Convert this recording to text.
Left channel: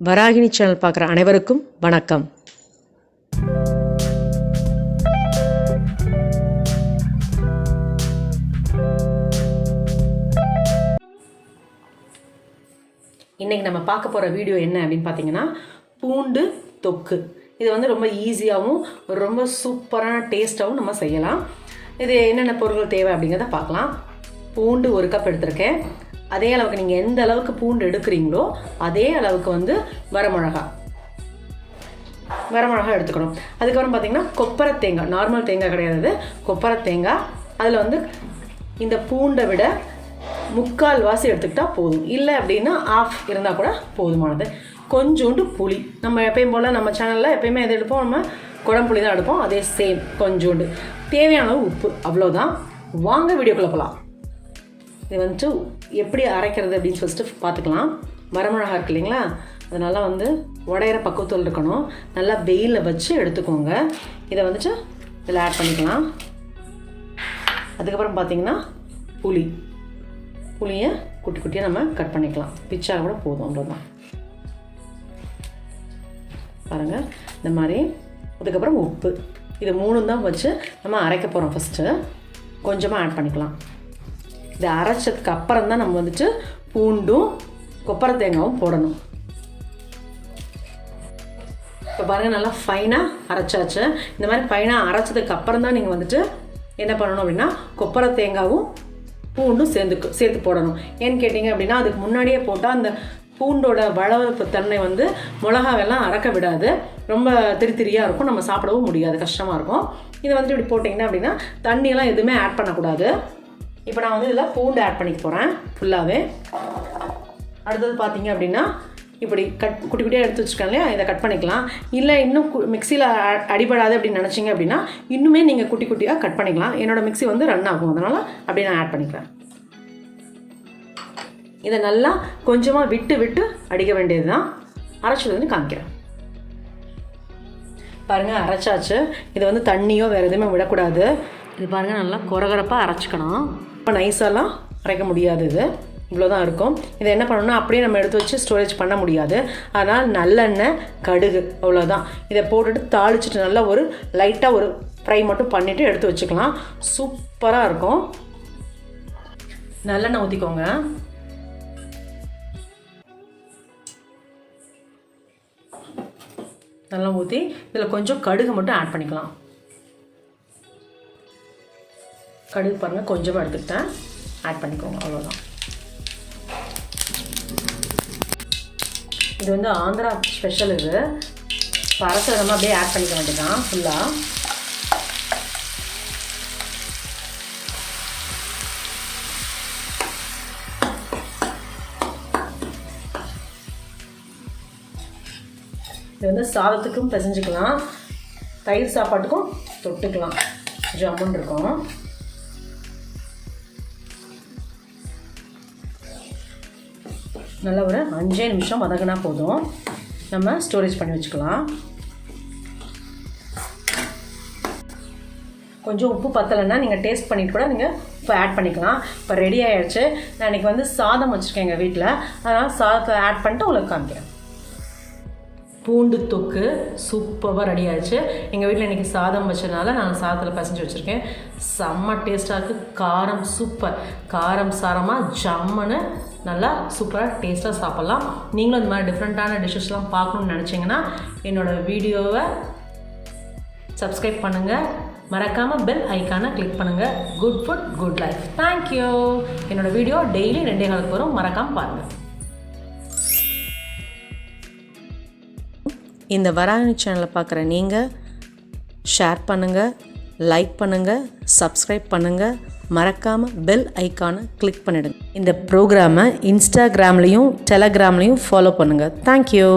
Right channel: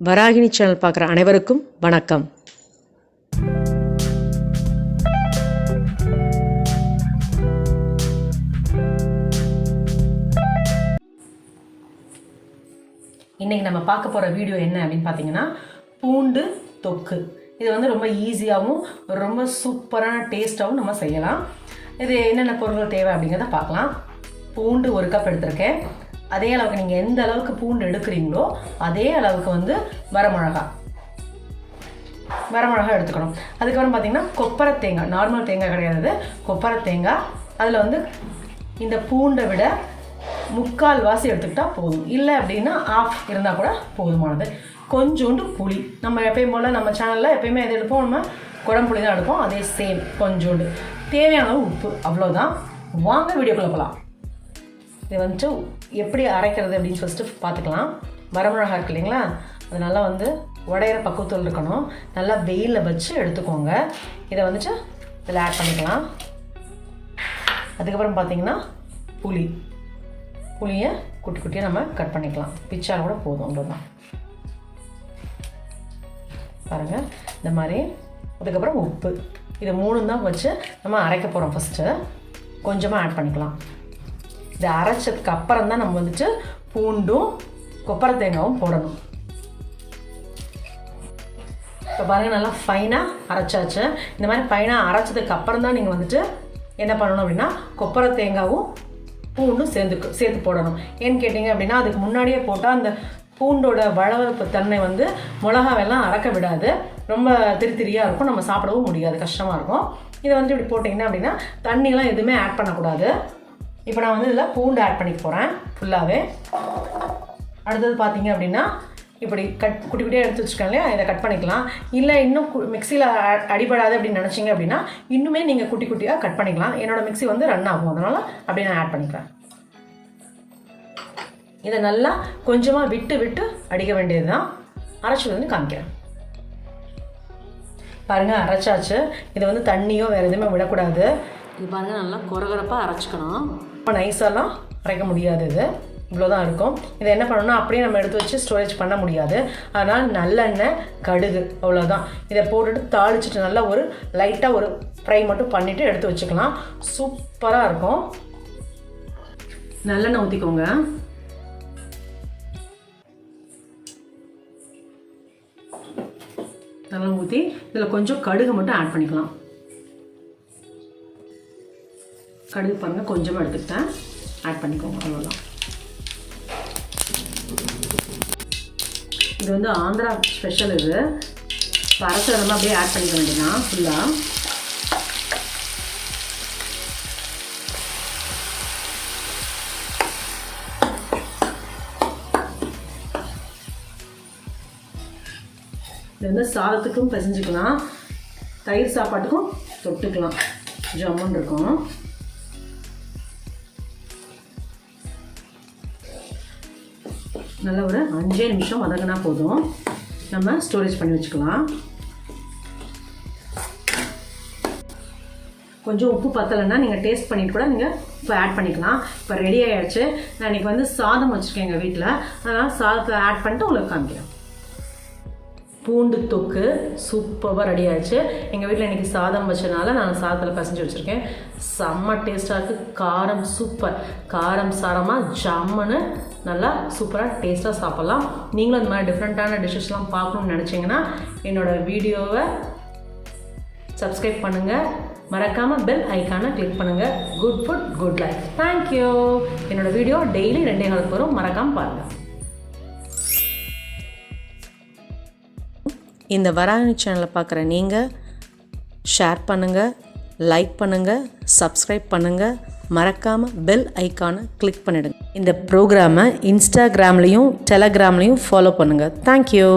Varahini channel பார்க்குற அனைவருக்கும் வணக்கம். இன்றைக்கி நம்ம பார்க்க போகிற வீடியோ என்ன அப்படின்னு பார்த்தீங்கன்னா, பூண்டு தொக்கு. இது வந்து ரொம்ப ஈஸியாகவும் ரொம்ப சூப்பரான டேஸ்ட்டாகவும் நம்ம செய்யலாம். இது என்னென்ன பொருட்கள் தேவை அப்படிங்கிறத பார்க்கலாம். பூண்டு 1 கப் எடுத்திருக்கேன். அதே அளவுக்கு நீங்கள் எந்த அளவுக்கு பூண்டு எடுக்கிறீங்களோ அதே அளவுக்கு வந்து வரமிளகா எடுத்துக்கணும். அதுக்கப்புறம் பார்த்தீங்கன்னா கொப்பரை தேங்காய், நார்மல் தேங்காய் கிடையாது, கொப்பரை தேங்காய். அதில் வந்து இந்த பூண்டை விட 3/4 வாசி எடுத்துக்கிட்டால் போதும். இல்லை அப்படின்னா ஆஃப் இருந்தால் கூட போதுமானது. கொஞ்சோண்டு புளி, நம்ம எப்பயும் போல் நம்ம சேனலில் எப்பயுமே எது எடுப்போம், நம்ம குழம்புளி தான் எடுப்போம், அதே சேம் கொஞ்சோண்டு. தேவையான உப்பு, அவ்வளோதான். வாங்க வீடியோக்குள்ளே போகலாம். இது வந்துட்டு எப்படி அரைக்கிறது அப்படின்னு ஃபஸ்ட்டு பார்த்துக்கலாம். வரமிளகா இருக்கு இல்லைங்களா, அதனால் வந்து உடையிற பக்குவத்தில் இருக்கணும். நல்லா வெயிலில் வச்சு எடுத்துக்கோங்க. இதை வந்துட்டு இதில் ஆட் பண்ணிக்கலாம். அதுக்கப்புறம் பார்த்திங்கன்னா புளியை குட்டி குட்டியாக நம்ம கட் பண்ணிக்கலாம். பிச்சா கூட போதும், அவ்வளோதான். பாருங்கள் இந்த மாதிரி. அதுக்கப்புறம் உப்பு, இது 3 தான் வச்சு நம்ம அரைக்க போகிறோம். ஃபஸ்ட்டு கொஞ்சமாக ஆட் பண்ணிக்கலாம். இதை அரைச்சதுக்கு அப்புறம் தான் நம்ம வந்துட்டு பூண்டும் கொப்பரை தேங்காயும் போடணும். இப்போ பாருங்கள், நல்லா ஃபைனாக அரைச்சாச்சு. இந்த மாதிரி ஃபைனாக அரைச்சதுக்கு அப்புறம் தான் நீங்கள் வந்துட்டு என்ன பண்ணணும் அப்படின்னா, கொப்பரை தேங்காயும் பூண்டும் சேர்த்து போடணும். ஏன்னு கேட்டிங்க அப்படின்னா, அதுக்கு முன்னாடியே போட்டால் அந்த பூண்டோட வளவப்பு தன்மை வந்து மிளகாவெல்லாம் அரைக்க விடாது, ரொம்ப திரியாக இருக்கும், நம்ம சாப்பிடவும் முடியாது, கஷ்டமாக இருக்கும். இதை வந்து இப்படி போட்டிங்கன்னா அப்படின்னா தண்ணியெல்லாம் எதுவுமே ஆட் பண்ணக்கூடாது. இப்போ நான் வந்து இதில் பூண்டு ஆட் பண்ணிக்க போகிறேன் ஃபுல்லாகவே. அடுத்தது பார்த்தீங்க அப்படின்னா, இப்படி குட்டி குட்டியாக எடுத்து வச்சுருக்கேன் இல்லையா, இதை கட் பண்ணிக்கலாம். இல்லை இன்னும் மிக்சியில் அடிபடாது அப்படின்னு நினச்சிங்க அப்படின்னா இன்னுமே நீங்கள் குட்டி குட்டியாக கட் பண்ணிக்கலாம். என்னோடய மிக்சி வந்து ரன் ஆகும், அதனால் அப்படியே நான் ஆட் பண்ணிக்கிறேன். இதை நல்லா கொஞ்சமாக விட்டு அடிக்க வேண்டியது தான். அரைச்சி வந்து காமிக்கிறேன். பாருங்கள், அரைச்சாச்சு. இதை வந்து தண்ணியோ வேறு எதுவுமே விடக்கூடாது. இது பாருங்கள், நல்லா கொரகரப்பாக அரைச்சிக்கணும். இப்போ நைஸெல்லாம் அரைக்க முடியாது, இது இவ்வளோ தான் இருக்கும். இதை என்ன பண்ணணும்னா அப்படியே நம்ம எடுத்து வச்சு ஸ்டோரேஜ் பண்ண முடியாது. அதனால் நல்லெண்ணெய், கடுகு, அவ்வளோதான். இதை போட்டுட்டு தாளிச்சிட்டு நல்லா ஒரு லைட்டாக ஒரு ஃப்ரை மட்டும் பண்ணிவிட்டு எடுத்து வச்சுக்கலாம். சூப்பராக இருக்கும். நல்லெண்ணெய் ஊற்றிக்கோங்க. நல்லா ஊற்றி இதில் கொஞ்சம் கடுகு மட்டும் ஆட் பண்ணிக்கலாம். கடுகு பாருங்கள், கொஞ்சமாக எடுத்துக்கிட்டேன், ஆட் பண்ணிக்கோங்க, அவ்வளோதான். இது வந்து ஆந்திரா ஸ்பெஷல். இது பரசரம் அப்படியே ஆட் பண்ணிக்க வேண்டியதான் ஃபுல்லாக. இது வந்து சாதத்துக்கும் பிசைஞ்சிக்கலாம், தயிர் சாப்பாட்டுக்கும் தொட்டுக்கலாம், ஜம்முன்னு இருக்கும். நல்லா ஒரு 5 நிமிஷம் வதங்கினா போதும், நம்ம ஸ்டோரேஜ் பண்ணி வச்சுக்கலாம். கொஞ்சம் உப்பு பத்தலைன்னா நீங்கள் டேஸ்ட் பண்ணிட்டு கூட நீங்கள் இப்போ ஆட் பண்ணிக்கலாம். இப்போ ரெடி ஆகிடுச்சு. நான் இன்றைக்கி வந்து சாதம் வச்சுருக்கேன் எங்கள் வீட்டில், அதனால் சாதத்தை ஆட் பண்ணிட்டு உங்களுக்கு காமிக்கிறேன். பூண்டு தொக்கு சூப்பராக ரெடி ஆகிடுச்சு. எங்கள் வீட்டில் இன்றைக்கி சாதம் வச்சதுனால நான் சாதத்தில் பசைஞ்சு வச்சுருக்கேன். செம்ம டேஸ்ட்டாக இருக்குது. காரம் சூப்பர், காரம் சாரமாக ஜம்முன்னு நல்லா சூப்பராக டேஸ்ட்டாக சாப்பிட்லாம். நீங்களும் இந்த மாதிரி டிஃப்ரெண்ட்டான டிஷ்ஷஸ்லாம் பார்க்கணுன்னு நினச்சிங்கன்னா என்னோடய வீடியோவை சப்ஸ்கிரைப் பண்ணுங்கள், மறக்காமல் பெல் ஐக்கானை கிளிக் பண்ணுங்கள். Good food good life. Thank you. என்னோடய வீடியோ டெய்லி 2 நாளுக்கு வரும், மறக்காமல் பாருங்கள். இந்த வராகினி சேனலை பார்க்குற நீங்கள் ஷேர் பண்ணுங்கள், லைக் பண்ணுங்கள், சப்ஸ்கிரைப் பண்ணுங்கள், மறக்காமல் பெல் ஐக்கானை கிளிக் பண்ணிவிடுங்க. இந்த ப்ரோக்ராமை இன்ஸ்டாகிராம்லேயும் டெலகிராம்லேயும் ஃபாலோ பண்ணுங்கள். தேங்க்யூ.